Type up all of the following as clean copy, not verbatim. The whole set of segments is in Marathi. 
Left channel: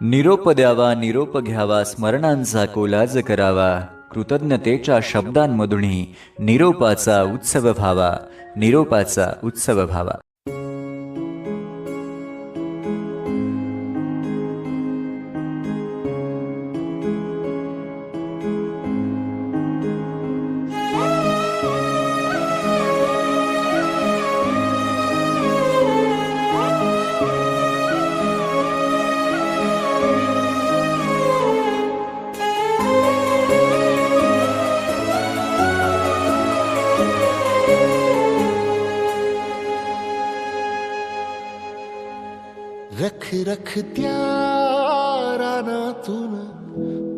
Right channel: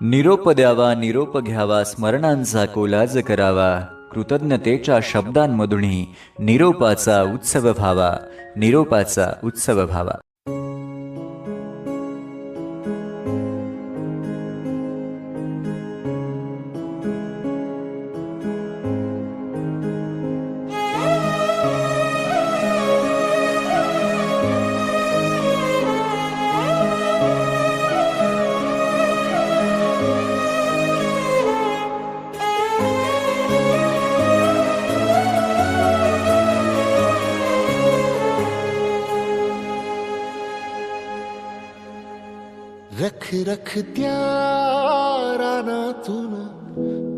निरोप द्यावा, निरोप घ्यावा, स्मरणांचा कोलाज करावा, कृतज्ञतेच्या शब्दांमधूनही निरोपाचा उत्सव व्हावा, निरोपाचा उत्सव व्हावा. रख रख त्या रानातून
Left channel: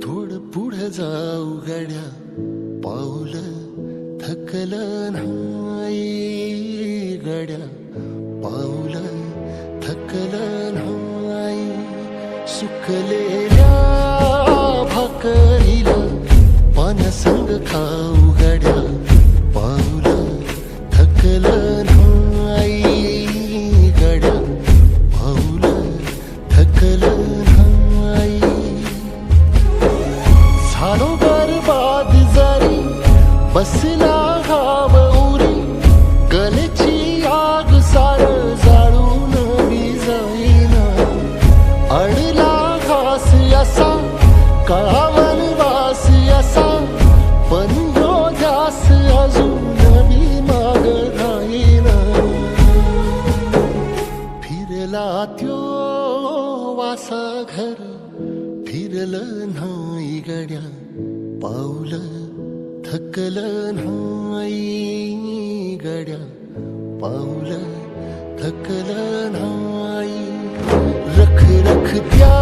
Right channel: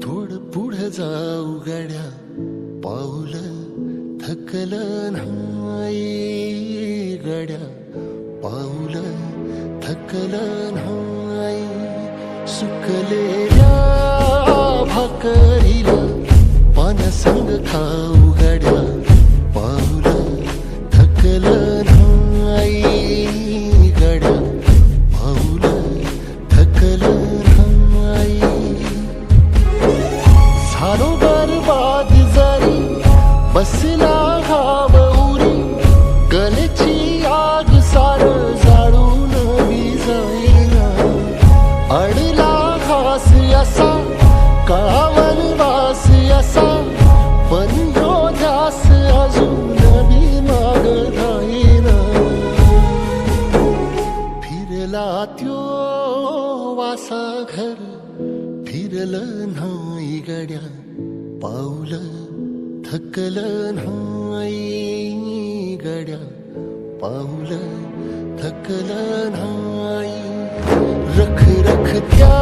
थोडं पुढं जाऊ गड्या, पाऊल थकलं नाही गड्या, पाऊल थकलं नाही. सुकलेल्या भाकरीला पानसंग खाऊ गड्या, पाऊल थकलं नाही गड्या, पाऊल थकलं नाही. झालो बरबाद जरी बसला घाव उरी, गलेची आग सार जाळून विजाईना. अडला घास असा काळा वनवास असा, पण ह्यो ध्यास अजून बी माग राहीना. फिरला त्यो वासा घर फिरलं नाही गड्या, पाऊल थकलं नाही गड्या, पाऊल थकलं नाही. रख रख त्या